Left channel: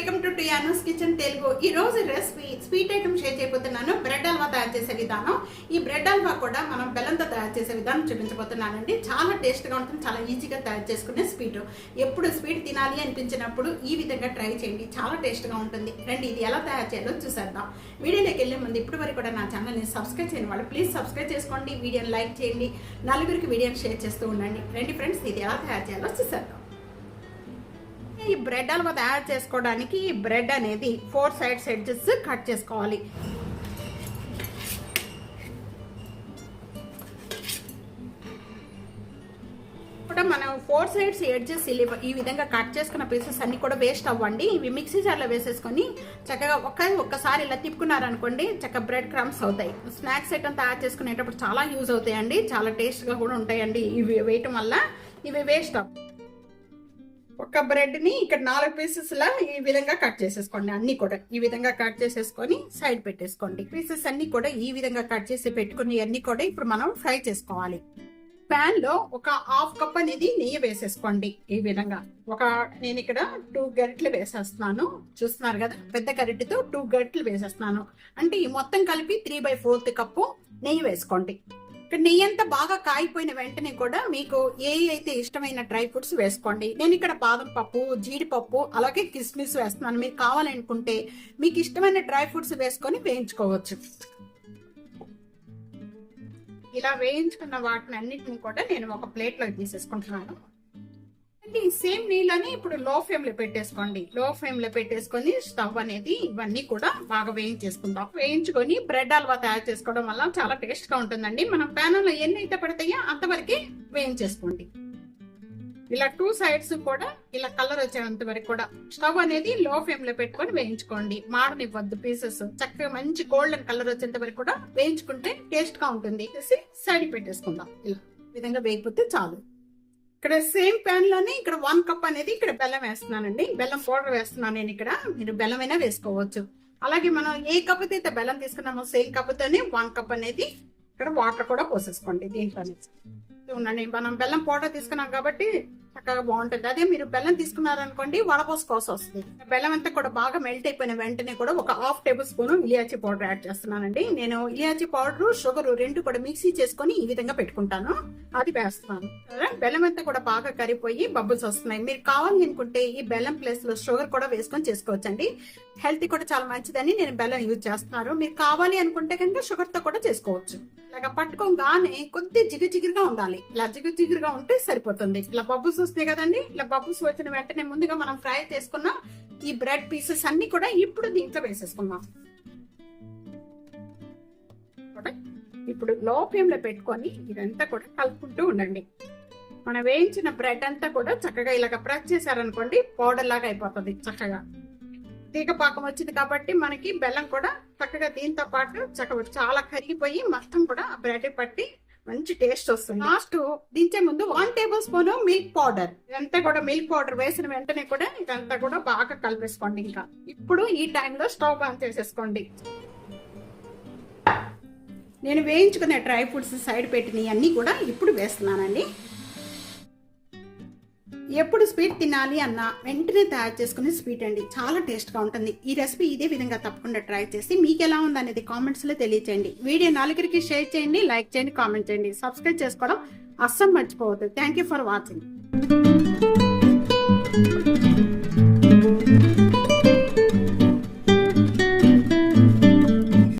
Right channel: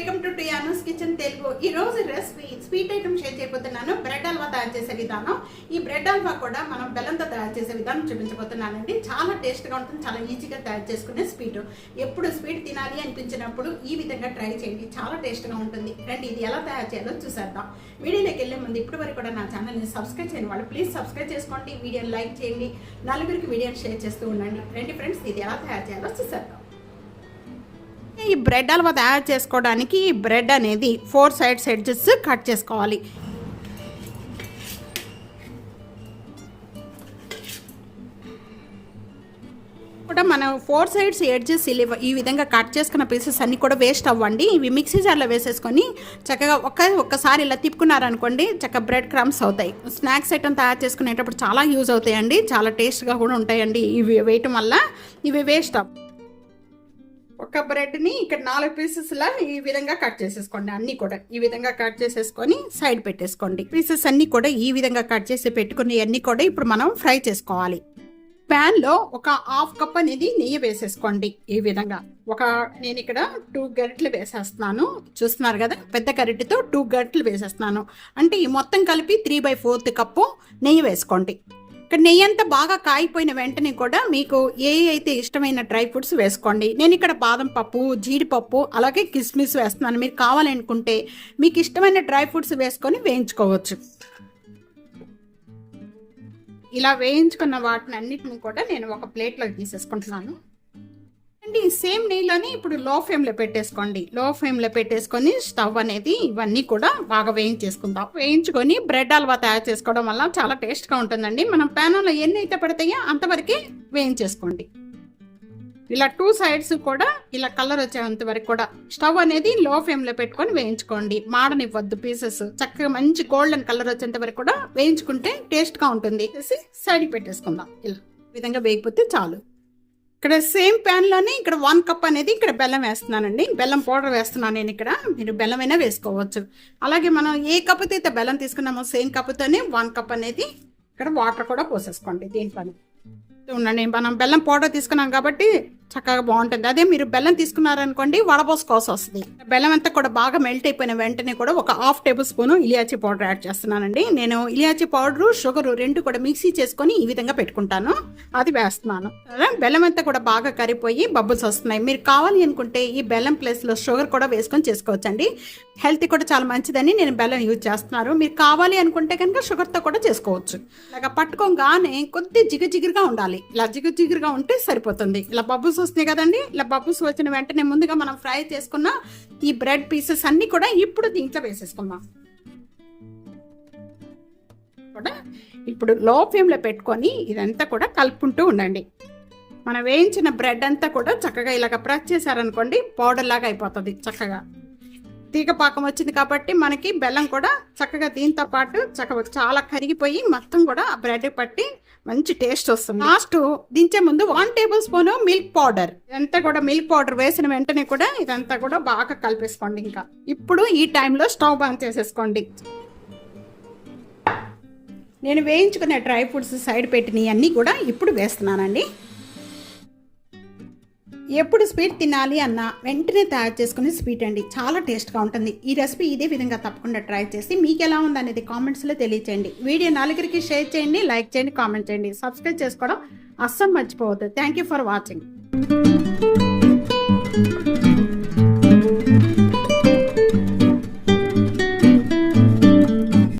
Welcome to Tiano's kitchen Telugu. ఈ రోజు recipe sweet item share చేయబోతున్నాను. బ్రెడ్ హల్వా తయారు చేసే విధానం. ఈ బ్రెడ్ హల్వా కూడా మనం బెల్లంతో తయారు చేసే విధానం చూపించబోతున్నానండి. చాలా టేస్ట్గా ఉంటుంది చాలా ఈజీగా తయారు చేసుకునే స్వీట్. ఎప్పుడు స్వీట్ తినాలి అనిపించినప్పుడు ఈ విధంగా ట్రై చేయండి. చాలా టేస్ట్గా ఉంటుంది. రండి ఇది ఎలా తయారు చేయాలో చూసేద్దాం. వీడియోలోకి వెళ్ళే ముందు ఇప్పటి వరకు కూడా నా ఛానల్ని సబ్స్క్రైబ్ చేయని వాళ్ళు ప్లీజ్ సబ్స్క్రైబ్ చేసుకోండి. వీడియోని లైక్ చేయండి. నలుగురికి వీడియోని షేర్ చేస్తూ ఉండండి. రండి ఫ్రెండ్స్ ఇది ఎలా తయారు చేయాలో చూసేద్దాం. ఈ బ్రెడ్ హల్వా తయారు చేసుకోవడానికి ఈ బ్రెడ్ అనేది ఫోర్ సైడ్స్ ఎడ్జెస్ కట్ చేసుకోవాలి. కూడా మనం ఫోర్ సైడ్స్ ఎడ్జెస్ ఈ విధంగా కట్ చేసుకున్న పీసెస్ అన్ని కూడా వేస్ట్ అవ్వండి. ఇవి మిక్సీ జార్లో వేసేసుకొని చక్కగా ఒక్క ఒక్కసారి ఇలా తిప్పుకున్నారనుకోండి చక్కగా బ్రెడ్ క్రమ్స్ అవుతాయి. స్నాక్స్ ఐటమ్ తయారు చేసుకునేటప్పుడు చాలా యూజ్ అవుతాయండి. చాలా టేస్ట్గా కూడా ఉంటాయండి. ఇవి వేయటం వల్ల ఇవి వేస్ట్ అవ్వ ఒక బ్రెడ్ని ఇక్కడ నాలుగు పీసెస్లా ఈ విధంగా కట్ చేసేసుకోండి. అన్ని కూడా ఈ విధంగా కట్ చేసేసుకొని సైడ్ పెట్టేసుకోండి. పీసెస్ అన్ని కూడా ఈ విధంగా కట్ చేసి పెట్టుకుని అన్ని కూడా ఇప్పుడు మనం ఫ్రై చేసుకోవాలి. ప్యాన్లో ఒక హాఫ్ కప్ అనేది నెయ్యి వేసేసుకోండి ఈ విధంగా. ఒక నేను ఇక్కడ టూ గరిటెలు వేసేస్తున్నాను. చూస్తున్నారు కదా? పెద్ద గరిటెతో టూ గరిటెలు వేసేస్తున్నాను. అంటే ఈ మొత్తం కలిపి త్రీ బై ఫోర్త్ కప్పు నెయ్యి వేసుకోండి. ఇక్కడ నెయ్యి అంతా బాగా కాయిపోయిన వెంటనే కూడా మీకు ఏ అయితే ఇష్టమైన డ్రై ఫ్రూట్స్ వేసుకోండి. నేను ఇక్కడ బాదం పప్పు జీడిపప్పు అలాగే కిస్మిస్ వేస్తున్నాను. మీరు కావాలనుకుంటే మీకు ఇష్టమైన డ్రై ఫ్రూట్స్ వేసుకొని వేయించుకోవచ్చు. ఇలా వేయించుకున్న వాటిని అన్నిటిని కూడా నేను ఒక ప్లేట్లో తీసేసుకుంటున్నాను. ఈ సేమ్ నీళ్ళని ఇప్పుడు లో ఫ్లేమ్లో పెట్టేసుకోండి. లో ఫ్లేమ్లో పెట్టేసుకొని స్టవ్ అనేది ఇవన్నీ కూడా బాగా వేయించేసుకుందాం. వేయించుకొని బ్రెడ్ హల్వా తయారు చేసుకోవడం వల్ల చాలా టేస్ట్గా ఉంటుందండి. మనం ప్యానంలో ఎన్ని అయితే పడతాయో అంతవరకే వేయించేసుకోండి. ఇలా టూ సైడ్స్ కూడా ఇలా కలర్ వచ్చేంత వరకు కూడా స్టవ్ అనేది లో ఫ్లేమ్లో పెట్టుకొని వేయించుకోండి. మాడనివ్వద్దు పీసెస్ చక్కగా మంచి గోల్డెన్ కలర్ వచ్చేంత వరకు కూడా వేయించుకుంటే టేస్ట్గా ఉంటుంది. సైడ్ పెట్టేసుకుందాం. ఇలా. విధంగా వేయకపోతే చాలు. ఇక్కడ సేమ్ ప్యాన్లోనే ఇక్కడ వన్ కప్ అనేది ఇక్కడ బెల్లం వేస్తున్నానండి. బెల్లం పౌడర్ వేస్తున్నాను నేను ఇక్కడ. మీరు బెల్లం అయినా వేసుకోవచ్చు. అలాగే మనం ఏ కప్పుతో అయితే బెల్లం తీసుకున్నామో సేమ్ కప్పుతోనే వన్ కప్ అనేది ఇక్కడ వాటర్ కూడా పోసేసుకోండి దీంట్లో ఉండండి మనం బెల్లం పౌడర్ తీసుకున్నాం కాబట్టి చక్కగా బాగుంటుంది. అదే మీరు బెల్లం తీసుకున్నారనుకోండి వడపోసుకోవాల్సి వస్తుంది బెల్లం అంతా కూడా బాగా మెల్ట్ అయిపోయిన వెంటనే కూడా ఒక హాఫ్ టేబుల్ స్పూన్ ఇలియాచి పౌడర్ యాడ్ చేస్తున్నానండి. నేను ఇలియాచి పౌడరు షుగర్ రెండు కూడా మిక్సీ చేసుకొని ఈ విధంగా పెట్టుకుంటాను. అది వేస్తున్నాను. బెల్లం అంతా కూడా బాగా కరిపోయి బబుల్స్ వస్తున్నాయి. మీరు కావాలి అనుకుంటే ఈ బెల్లం ప్లేస్లో షుగర్ కూడా వేసుకొని చేసుకోవచ్చండి. హెల్త్ కూడా చాలా మంచిదని నేను బెల్లం యూజ్ చేస్తున్నారు. మీరు కావాలి అనుకుంటే కనుక షుగర్తో కూడా చేసుకోవచ్చు. ఇలాగ పట్టుకోగానే కొద్ది జిగు ఉండాలి. ఇలా జిగు ఉంటే సరిపోతుంది. ఇలా బబుల్స్ వస్తున్నాయి కదండి. ఇలా బబుల్స్ వచ్చిన వెంటనే ముందుగా మనం ఫ్రై చేసుకున్న ఈ బ్రెడ్ పీసెస్ అన్ని కూడా ఇప్పుడు దీంట్లో వేసేసుకుందాం. కూడా ఇప్పుడు లో ఫ్లేమ్లో పెట్టుకొని ఇదంతా కూడా కలుపుకుంటూ ఉండండి. మనం వేయించిన బ్రెడ్ అంతా కూడా చక్కగా ఇలాగ ప్రెస్ చేశారనుకోండి పౌడర్ లాగా అయిపోతుంది చక్కగా. తీగ పాకం వచ్చింది కాబట్టి మనకి బెల్లం కూడా చక్కగా దీంతో పాటు చక్కగా చాలా కరిగిపోయి మొత్తం కూడా ఆ బ్రెడ్ పట్టి మంచి టేస్ట్ వస్తుంది. లాస్ట్ దించే ముందు one tablespoon milk powder. ఇదంతా కూడా మిల్క్ పౌడర్ వేసిన వెంటనే కూడా ఇదంతా కూడా బాగా కలిపేసుకోండి ఇంకా. ఇప్పుడు ఈ టైంలో స్టవ్ బంద్ చేసేసుకోండి. నేను వేయించుకునే డ్రై ఫ్రూట్స్ సైడ్ పెట్టినవి అన్నీ కూడా ఇప్పుడు వేస్తున్నానండి. ఎప్పుడు స్వీట్ తినాలి అన్న వెంటనే తయారు చేసుకునే స్వీట్ అండి. చాలా టేస్ట్గా ఉంటుంది. ఈ రెసిపీ ఇదే విధంగా తప్పకుండా ట్రై చేసి మీకు ఎలా ఉంది అనేది కామెంట్స్లో తెలియచేయండి. వీడియో నలుగురికి షేర్ చేయండి లైక్ చేయండి కామెంట్ చేయండి. సబ్స్క్రైబ్ చేసుకోవడం అస్సలు మర్చిపోవద్దు. Thank you for watching.